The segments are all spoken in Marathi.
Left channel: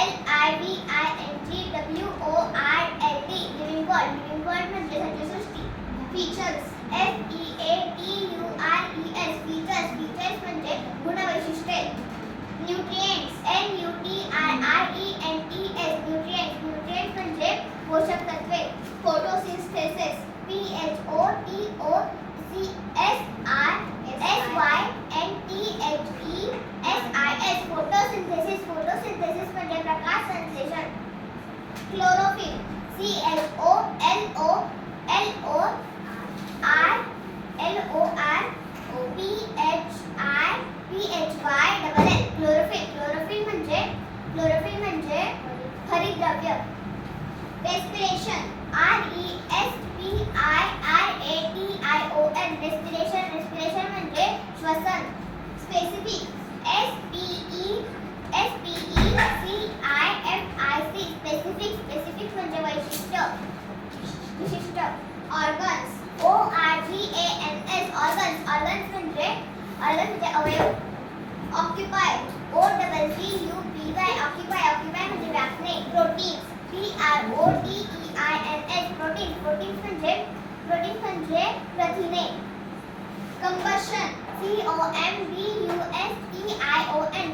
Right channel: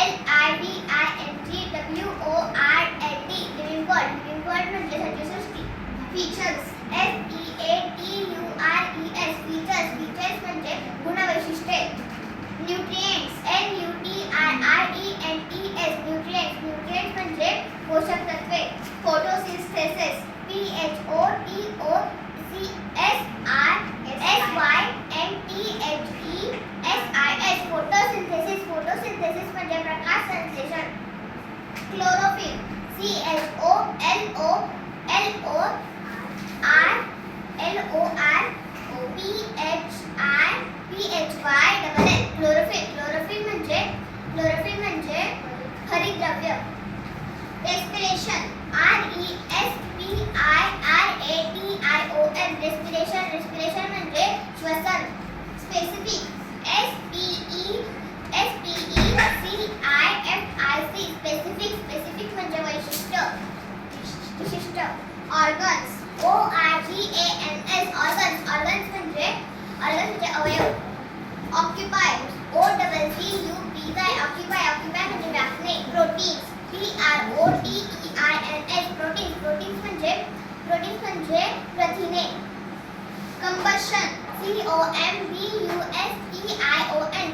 LIVINGWORLD लिव्हिंग वर्ल्ड म्हणजे सजीवसृष्टी. फीचर्स FEATURES फीचर्स म्हणजे गुणवैशिष्ट्ये. न्यूट्रिएंट्स NUTRIENTS न्यूट्रिएंट्स म्हणजे पोषक तत्वे. फोटोसिंथेसिस PHOTOSYNTHESIS फोटोसिंथेसिस म्हणजे प्रकाश संश्लेषण. क्लोरोफिल CHLORORPHIPHYLL क्लोरोफिल म्हणजे हरितद्रव्य. रेस्पिरेशन रेस्पिरेशन म्हणजे श्वसन. स्पेसिफिक स्पेसिफिक म्हणजे वैशिष्ट्य, विशिष्ट. ऑर्गन्स ऑर्गन्स म्हणजे अवयव. ऑक्युपाय ऑक्युपाय म्हणजे व्यापणे. प्रोटीन्स प्रोटीन्स म्हणजे प्रथिने.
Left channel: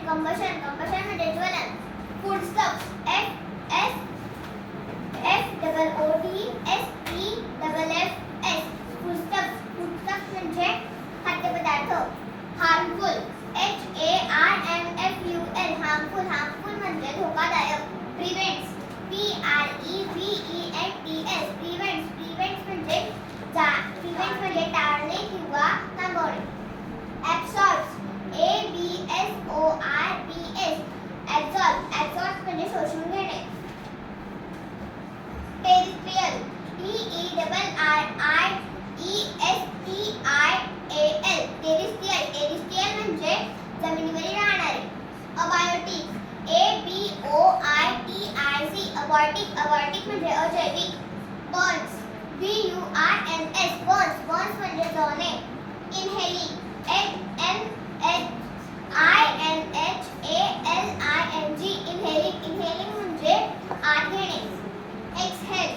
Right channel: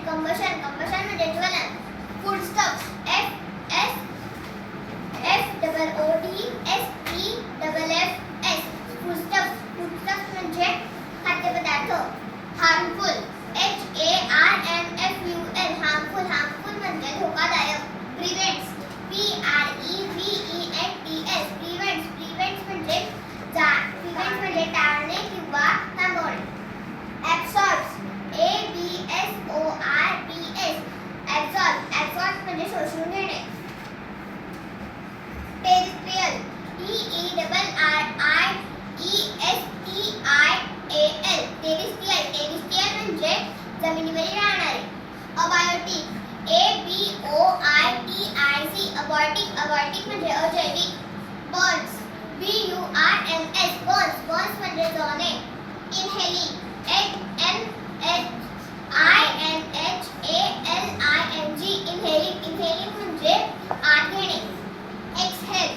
कंबशन कंबशन म्हणजे ज्वलन. फूडस्टफ्स फूडस्टफ्स म्हणजे खाद्यपदार्थ. हार्मफुल हार्मफुल म्हणजे धोकादायक. प्रिव्हेंट्स प्रिव्हेंट्स म्हणजे टाळणे किंवा थांबवणे. ऍब्सॉर्ब्स ऍब्सॉर्ब्स म्हणजे शोषून घेणे. टेरिस्ट्रियल टेरिस्ट्रियल म्हणजे जमिनीवर राहणारे. अबायोटिक अबायोटिक म्हणजे अजैविक. बर्न्स बर्न्स म्हणजे जळणे. इनहेलिंग इनहेलिंग म्हणजे आत घेणे. एक्सहेल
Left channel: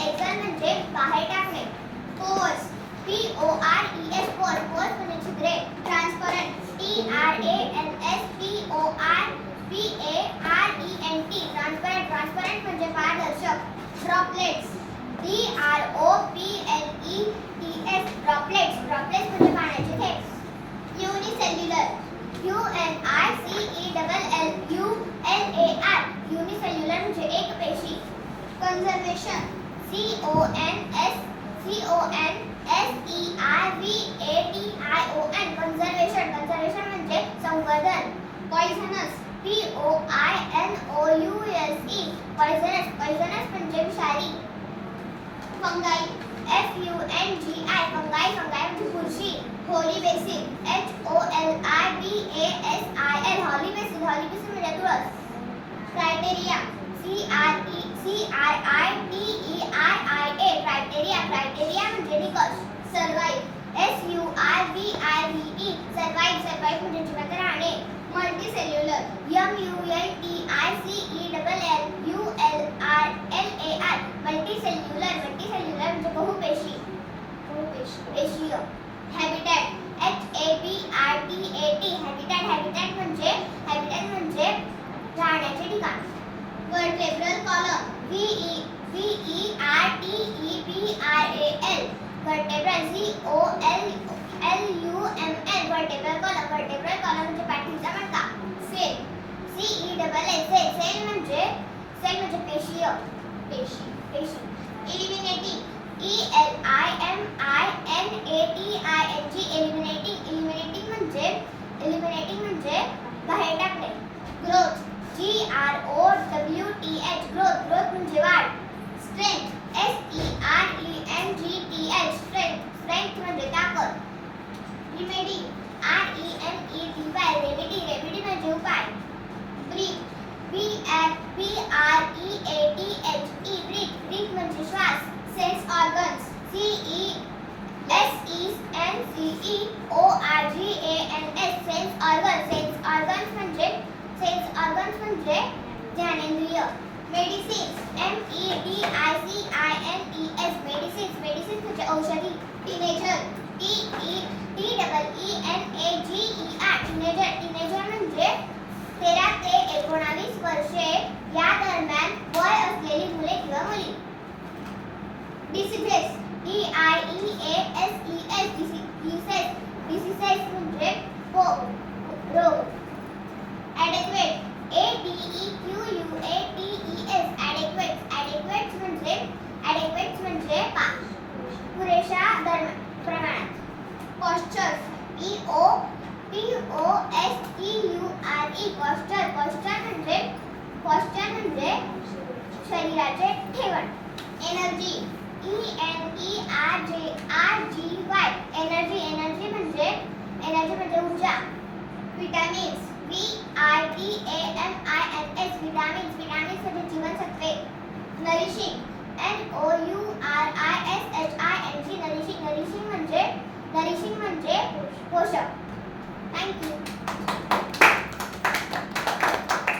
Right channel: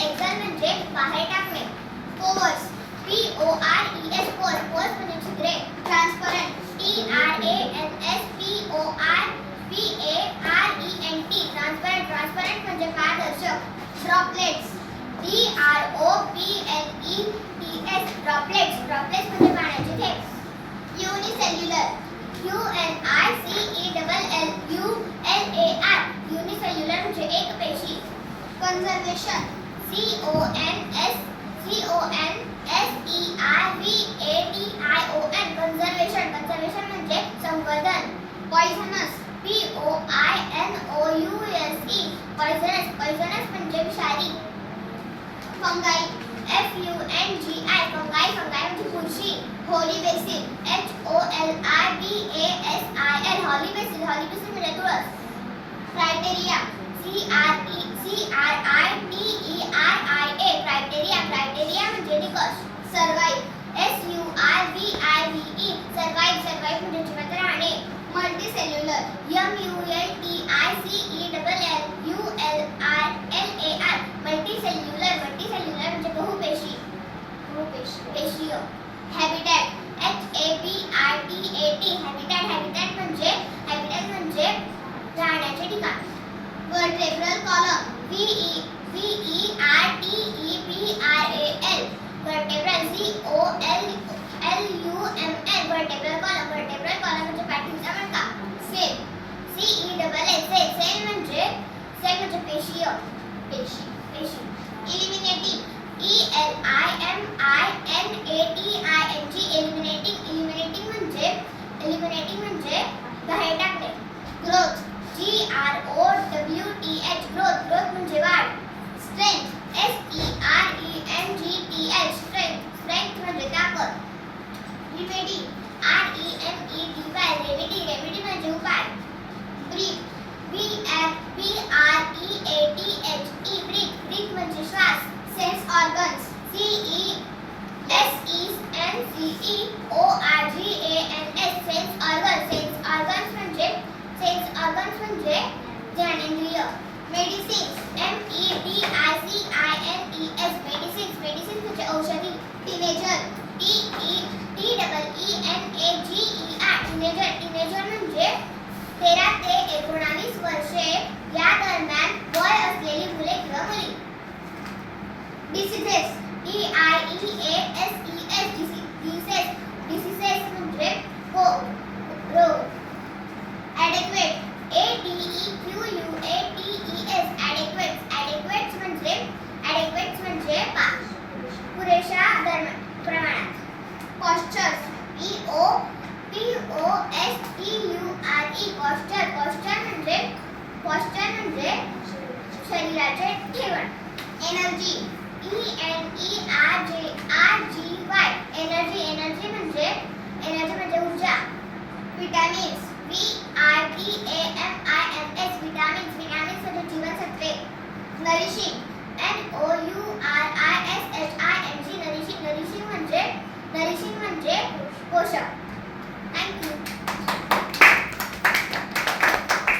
एक्सहेल म्हणजे बाहेर टाकणे. पोर्स पोर्स म्हणजे छिद्रे. ट्रान्सपरंट ट्रान्सपरंट म्हणजे पारदर्शक. ड्रॉपलेट्स ड्रॉपलेट्स म्हणजे पाण्याचे थेंब. युनिसेल्युलर युनिसेल्युलर म्हणजे एकपेशी. कंजर्वेशन कंजर्वेशन म्हणजे संवर्धन. पॉइझनस पॉइझनस म्हणजे विषारी. फंगाई फंगाई म्हणजे बुरशी. होली बेसिल हॉली बेसिल म्हणजे तुळस. क्रायटेरिया क्रायटेरिया म्हणजे निकष. सर्वाइव्ह सर्वाइव्ह म्हणजे जिवंत राहणे. मल्टीसेल्युलर मल्टीसेल्युलर म्हणजे बहुपेशी पेशीय. हॅबिटॅट हॅबिटॅट म्हणजे राहण्याचे ठिकाण. Vertebral column vertebral vertebral column म्हणजे पाठीचा मणका. सेल सेल म्हणजे पेशी. इलिमिनेटिंग इलिमिनेटिंग म्हणजे बाहेर टाकणे. ग्रोथ ग्रोथ म्हणजे वाढ. स्ट्रेंथ स्ट्रेंथ म्हणजे ताकद. रेमेडी रेमेडी म्हणजे उपाय. ब्रीथ ब्रीथ म्हणजे श्वास. Sense organs SENSE ORGANS sense organs diseases DIEASES diseases म्हणजे रोग. ॲडेक्वेट ADEQUATES ॲडेक्वेट्स म्हणजे पुरेशा प्रमाणात. पॉस्चर्स पॉस्चर म्हणजे शरीराचे ठेवण. एनर्जी ENERGY एनर्जी म्हणजे ऊर्जा. विटामिन्स